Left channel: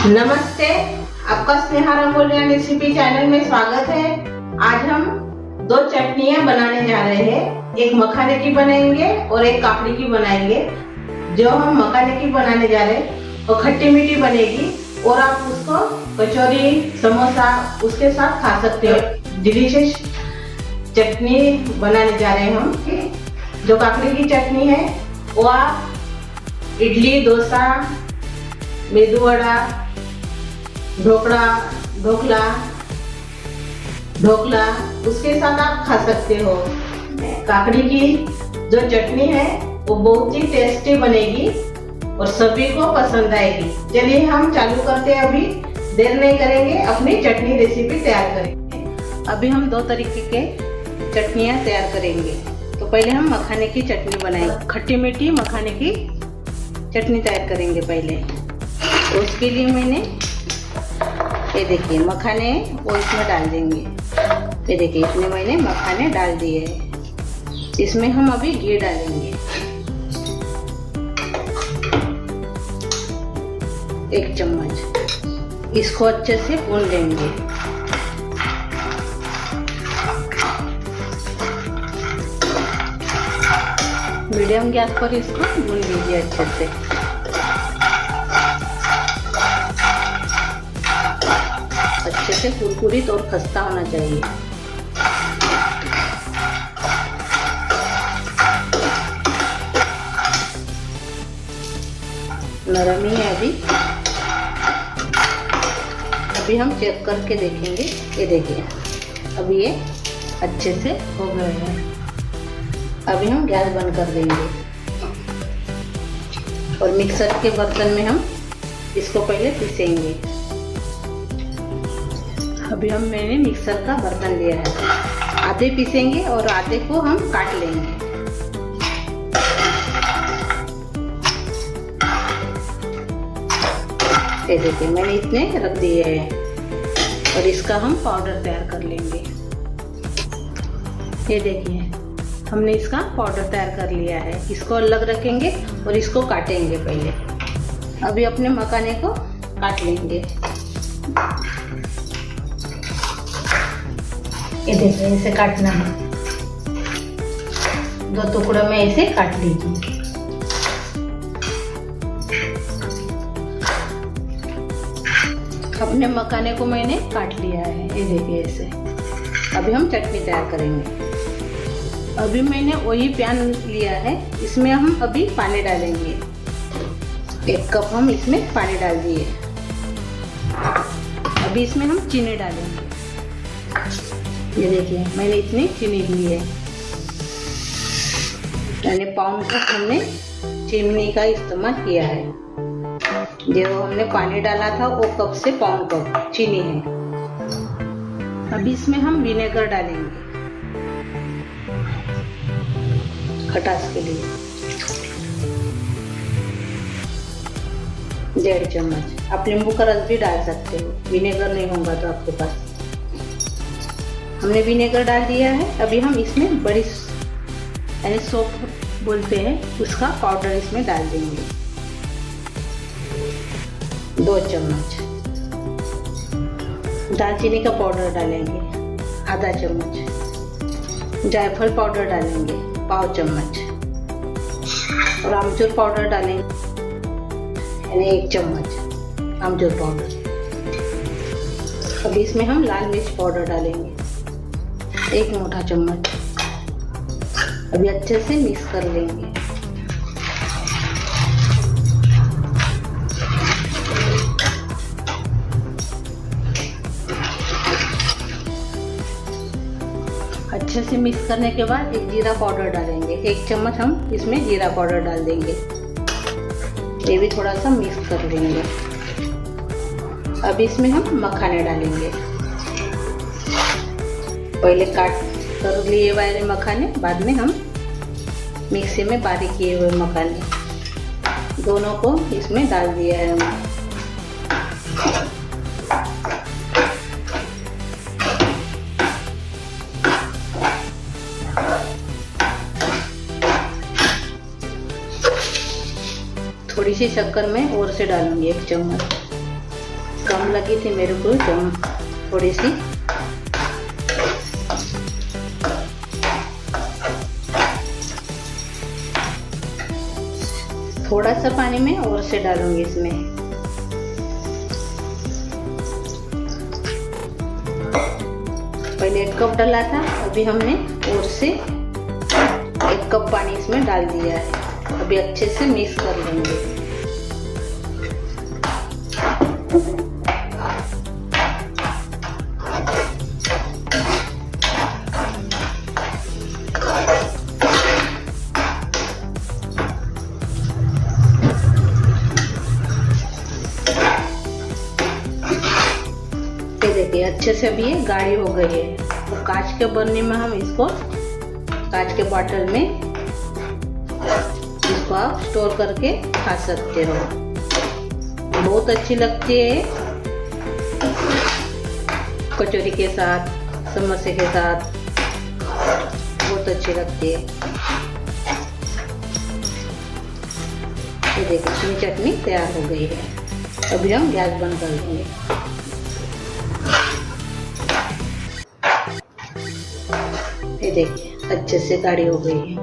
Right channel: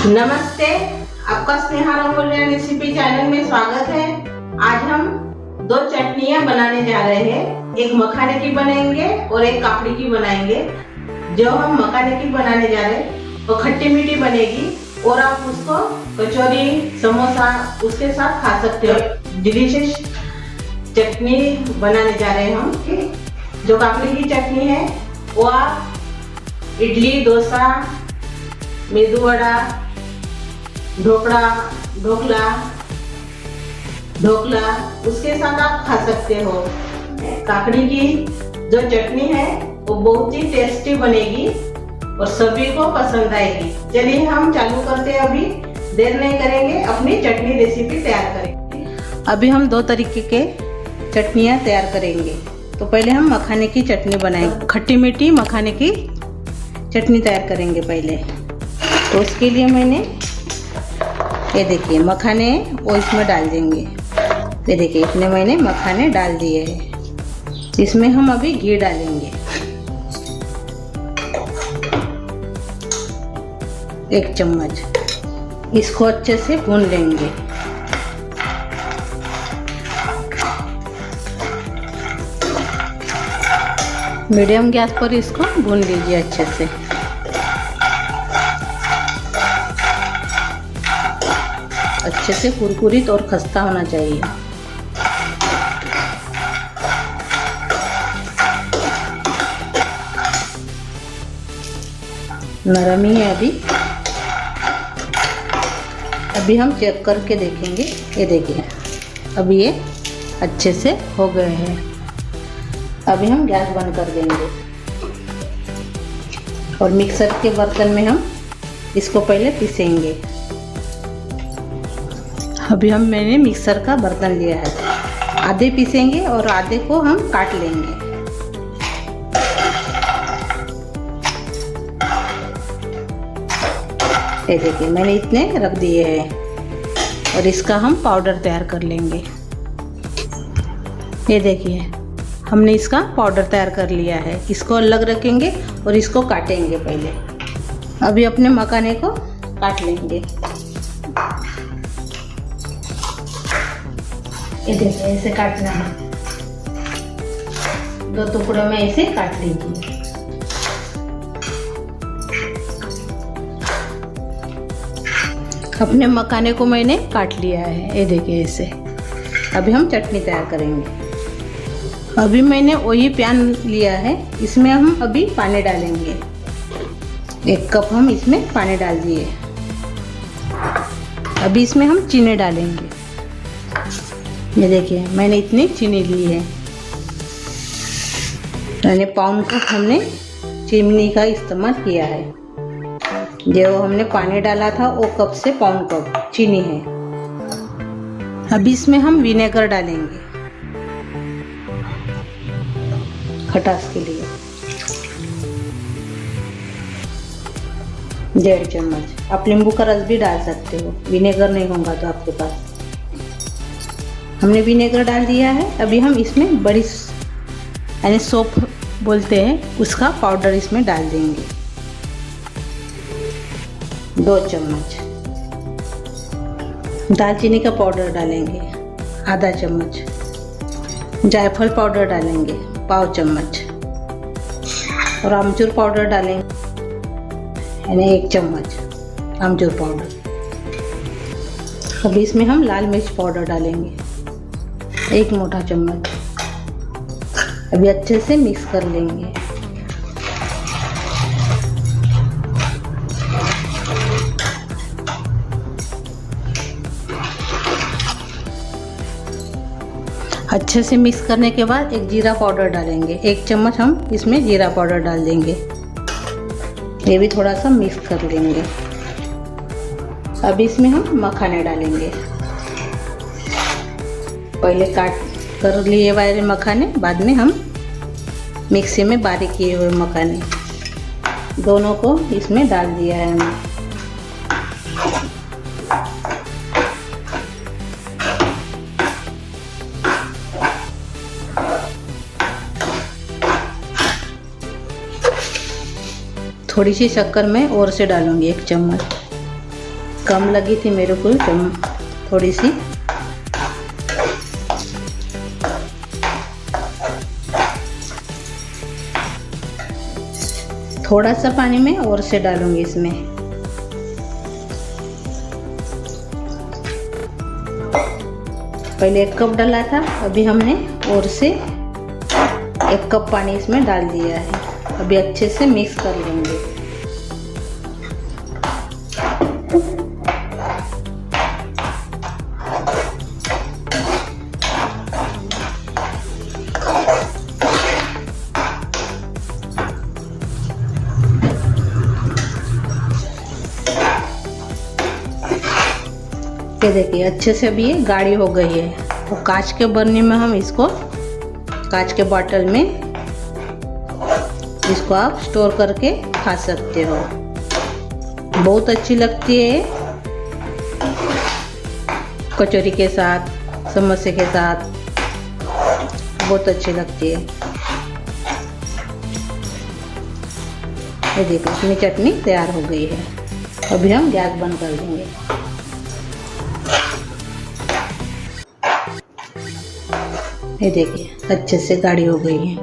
नमस्ते, आपका Sneha रंगोलिया recipe channel में स्वागत है। आज हम दो चटनियां बनाने जा रहे हैं। एक मखाने की बनाएंगे और एक काकड़ी की बनाएंगे। जो हम मखाने की बनाने जा रहे हैं वो खट्टी मीठी बनेगी और आप उसको कचौरी, समोसा उसके साथ खा सकते हो। डिलीशियस चटनी बनाने जा रहे हैं हम। जो काकड़ी की चटनी है वो आप इडली, डोसा, मेदू वड़ा, ढोकला उसके साथ आप खा सकते हो। काकड़ी की जो चटनी है वो बहुत ही टेस्टी बनेगी और सभी को पसंद आएगी। चलिए हम चालू करते हैं। अभी देर नहीं करेंगे, अपनी चटनी रेसिपी तैयार करेंगे। अभी हम दो तरीके के चटनियाँ तैयार करेंगे। तो पहले हम मखाने की चटनी बनाएंगे। खट्टी मीठी मखाने की चटनी तैयार करेंगे पहले। तो उसके लिए मैंने ये देखिए मखाने वो इसमें डाल देंगे। ये देखिए इतने मैंने मखाने डाल दिए हैं। इसमें हम अभी घी डालेंगे 1 चम्मच। इसको अच्छे से भून लेंगे। मीडियम गैस पर इसको भून लीजिए अच्छे से। अच्छे से कुरकुरीत और खस्ता होना चाहिए। नरम ही है अभी हम चेक करके देखेंगे। ये देखिए अभी ये अच्छे से हो गए हैं। अभी हम गैस बंद कर देंगे और मिक्सर के बर्तन में हम इसको पहले पीसेंगे। अभी मैंने मिक्सर का बर्तन लिया है। आधे पीसेंगे और आधे को हम काट लेंगे। ये देखिए मैंने इतने रख दिए हैं और इसका हम पाउडर तैयार कर लेंगे। ये देखिए हमने इसका पाउडर तैयार कर लिया है। इसको अलग रखेंगे और इसको काटेंगे पहले। अभी अपने मखाने को काट लेंगे। ये देखिए ऐसे काटना है। 2 टुकड़े में ऐसे काट लीजिए। अपने मखाने को मैंने काट लिया है। ये देखिए ऐसे। अभी हम चटनी तैयार करेंगे। अभी मैंने वही पैन लिया है। इसमें हम अभी पानी डालेंगे। 1 कप हम इसमें पानी डाल दिए। अभी इसमें हम चीनी डालेंगे। ये देखिए मैंने इतनी चीनी ली है। मैंने पाउंड कप हमने चीनी का इस्तेमाल किया है। जो हमने पानी डाला था वो कप से पाउंड कप चीनी है। अभी इसमें हम विनेगर डालेंगे खटास के लिए 1.5 चम्मच। आप नींबू का रस भी डाल सकते हो। विनेगर नहीं होगा तो आपके पास। हमने विनेगर डाल दिया है। अभी हम इसमें बड़ी यानी सौंफ बोलते हैं उसका पाउडर इसमें डाल देंगे 2 चम्मच। दालचीनी का पाउडर डालेंगे आधा चम्मच। जायफल पाउडर डालेंगे 1/4 चम्मच और आमचूर पाउडर डालेंगे यानी 1 चम्मच आमचूर पाउडर। अभी इसमें हम लाल मिर्च पाउडर डालेंगे 1 मोटा चम्मच। अभी अच्छे से मिक्स कर लेंगे। अच्छे से मिक्स करने के बाद एक जीरा पाउडर डालेंगे। 1 चम्मच हम इसमें जीरा पाउडर डाल देंगे। ये भी थोड़ा सा मिक्स कर लेंगे। अभी इसमें हम मखाने डालेंगे। पहले काट कर लिए वाले मखाने, बाद में हम मिक्सी में बारीक किए हुए मखाने दोनों को इसमें डाल दिया है हमने। थोड़ी सी शक्कर मैं और से डालूंगी 1 चम्मच। कम लगी थी मेरे को तो थोड़ी सी थोड़ा सा पानी में और से डालूंगी इसमें। पहले 1 कप डाला था, अभी हमने और से 1 कप पानी इसमें डाल दिया है। अभी अच्छे से मिक्स कर लेंगे। ये देखिए अच्छे से अभी ये गाढ़ी हो गई है। और कांच के बर्नी में हम इसको, कांच के बॉटल में इसको आप स्टोर करके खा सकते हो। बहुत अच्छी लगती है कचौरी के साथ, समोसे के साथ, बहुत अच्छी लगती है। ये देखिए इसमें चटनी तैयार हो गई है। अभी हम गैस बंद कर देंगे। ये देखिए अच्छे से गाढ़ी हो गई है।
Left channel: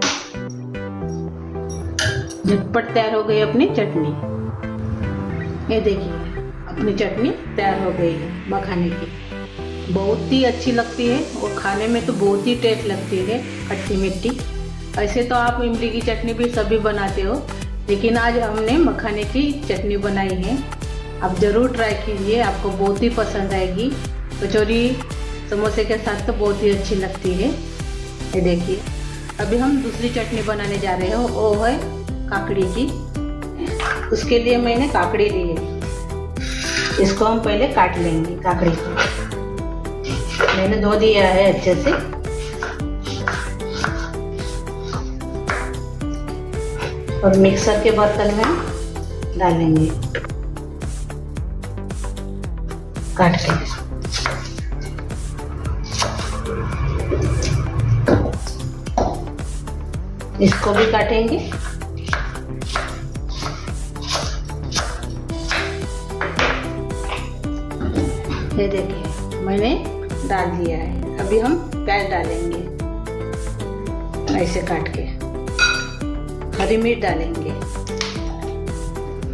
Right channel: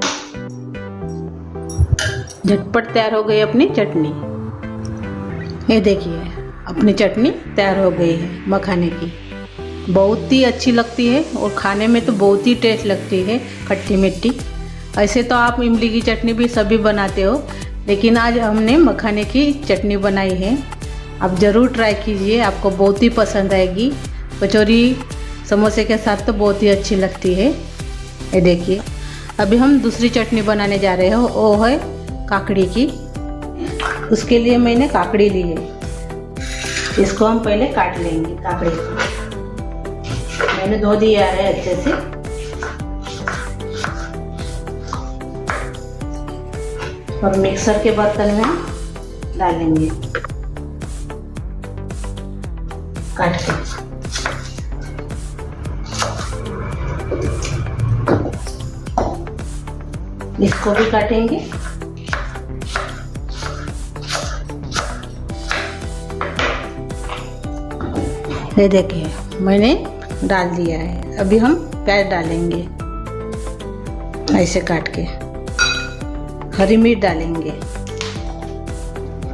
झटपट तैयार हो गई अपनी चटनी। ये देखिए अपनी चटनी तैयार हो गई है मखाने की। बहुत ही अच्छी लगती है और खाने में तो बहुत ही टेस्ट लगती है, खट्टी मीठी। ऐसे तो आप इमली की चटनी भी सभी बनाते हो, लेकिन आज हमने मखाने की चटनी बनाई है। आप ज़रूर ट्राई कीजिए, आपको बहुत ही पसंद आएगी। कचौरी समोसे के साथ तो बहुत ही अच्छी लगती है। ये देखिए अभी हम दूसरी चटनी बनाने जा रहे हैं, वो है काकड़ी की। उसके लिए मैंने काकड़ी ली है, इसको हम पहले काट लेंगे। काकड़ी को मैंने धो दिया है अच्छे से। और मिक्सर के बर्तन में हम डालेंगे काट के। इसको भी काटेंगे। ये देखिए मैंने डाल दिया है। अभी हम प्याज डालेंगे ऐसे काट के। हरी मिर्च डालेंगे,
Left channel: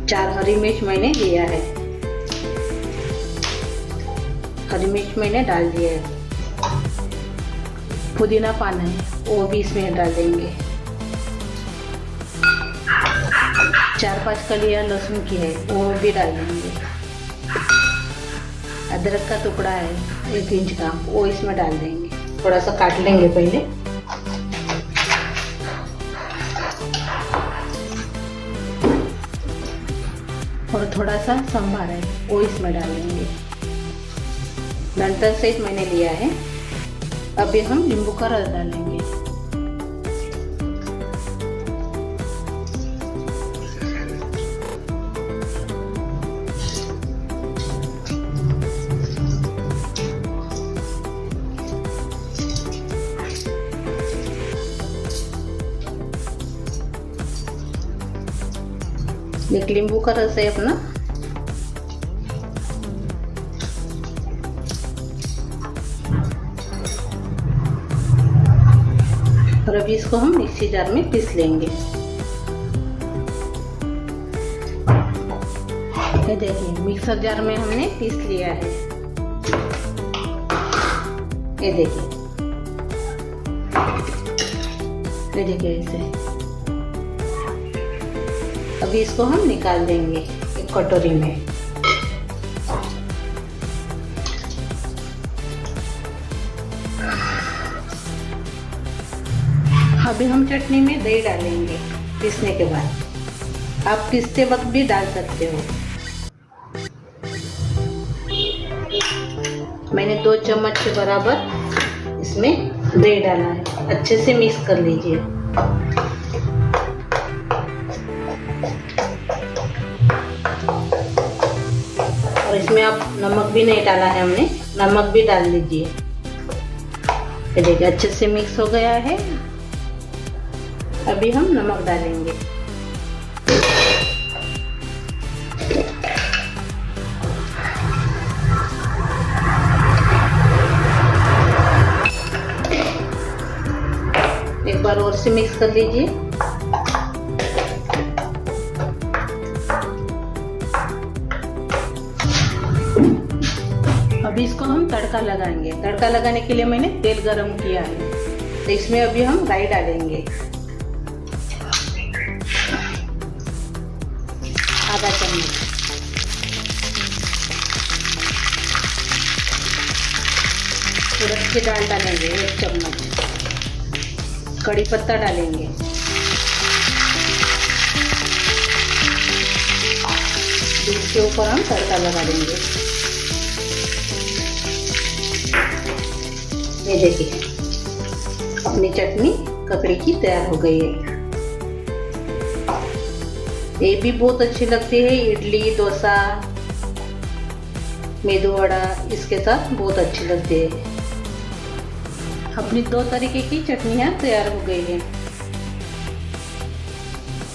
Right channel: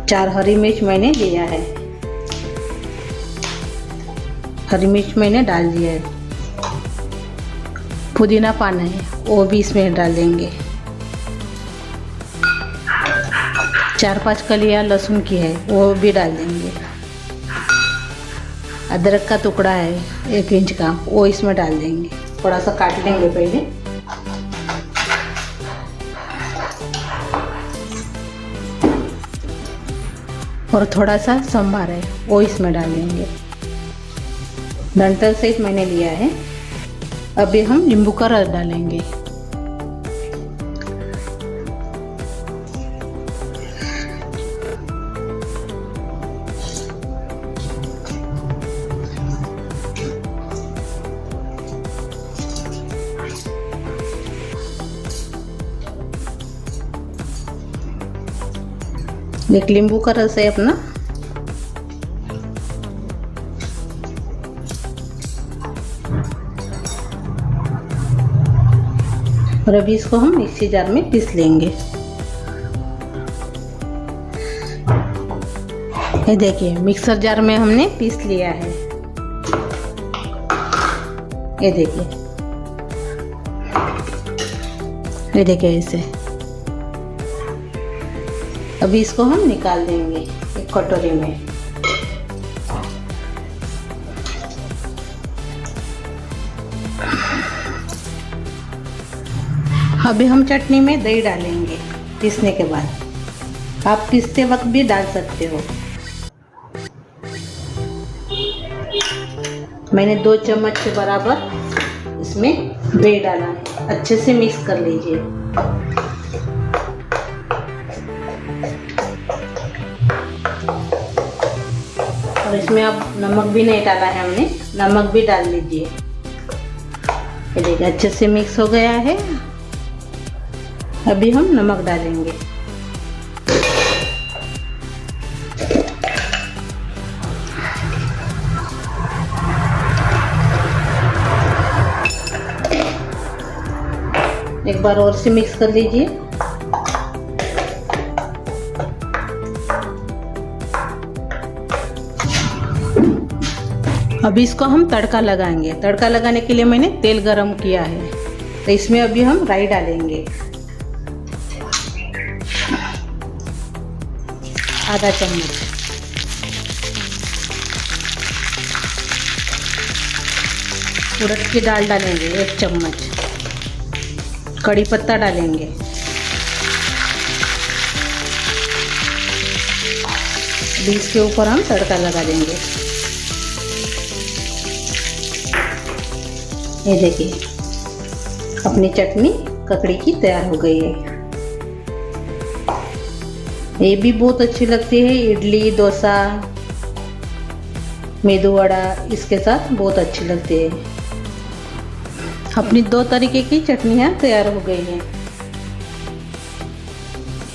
4 हरी मिर्च मैंने लिया है। हरी मिर्च मैंने डाल दिया है। पुदीना पाना है, वो भी इसमें डाल देंगे। 4-5 कलियां लहसुन की है, वो भी डाल देंगे। अदरक का टुकड़ा है 1 इंच का, वो इसमें डाल देंगे। थोड़ा सा काट लेंगे पहले। और थोड़ा सा संभार है, वो इसमें डाल देंगे। डंठल से मैंने लिया है। अभी हम नींबू का रस डालेंगे। एक नींबू का रस है अपना। और अभी इसको हम मिक्सी जार में पीस लेंगे। ये देखिए मिक्सर जार में हमने पीस लिया है। ये देखिए ऐसे। अभी इसको हम निकाल देंगे एक कटोरी में। अभी हम चटनी में दही डालेंगे पीसने के बाद। आप पीसते वक्त भी डाल सकते हो। मैंने 2 चम्मच के बराबर इसमें दही डाला है। अच्छे से मिक्स कर लीजिए। और इसमें अब नमक भी नहीं डाला है हमने, नमक भी डाल लीजिए। ये देखिए अच्छे से मिक्स हो गया है। अभी हम नमक डालेंगे। बार और से मिक्स कर लीजिए। अभी इसको हम तड़का लगाएंगे। तड़का लगाने के लिए मैंने तेल गरम किया है, तो इसमें अभी हम राई डालेंगे, आधा चम्मच। उड़द की दाल डालेंगे 1 चम्मच। कड़ी पत्ता डालेंगे, अभी इसके ऊपर हम तड़का लगा देंगे। ये देखिए अपनी चटनी ककड़ी की तैयार हो गई है। ये भी बहुत अच्छी लगती है इडली, डोसा, मेदू वड़ा, इसके साथ बहुत अच्छी लगती है। अपनी 2 तरीके की चटनियाँ तैयार हो गई हैं।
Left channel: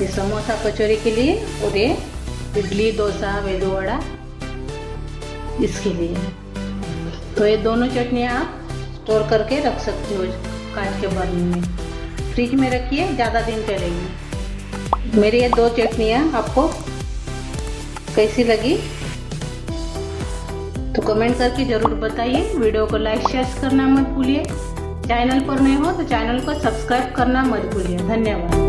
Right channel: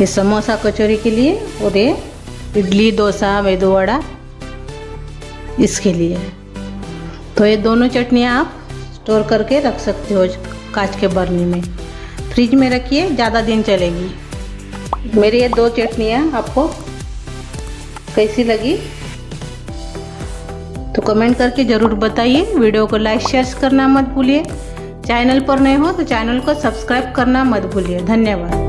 ये समोसा कचौरी के लिए और ये इडली, डोसा, मेदू वड़ा इसके लिए। तो ये दोनों चटनियाँ आप स्टोर करके रख सकते हो कांच के बर्नी में। फ्रिज में रखिए, ज़्यादा दिन चलेगी। मेरी ये 2 चटनियाँ आपको कैसी लगी तो कमेंट करके ज़रूर बताइए। वीडियो को लाइक शेयर करना मत भूलिए। चैनल पर नए हो तो चैनल को सब्सक्राइब करना मत भूलिए। धन्यवाद।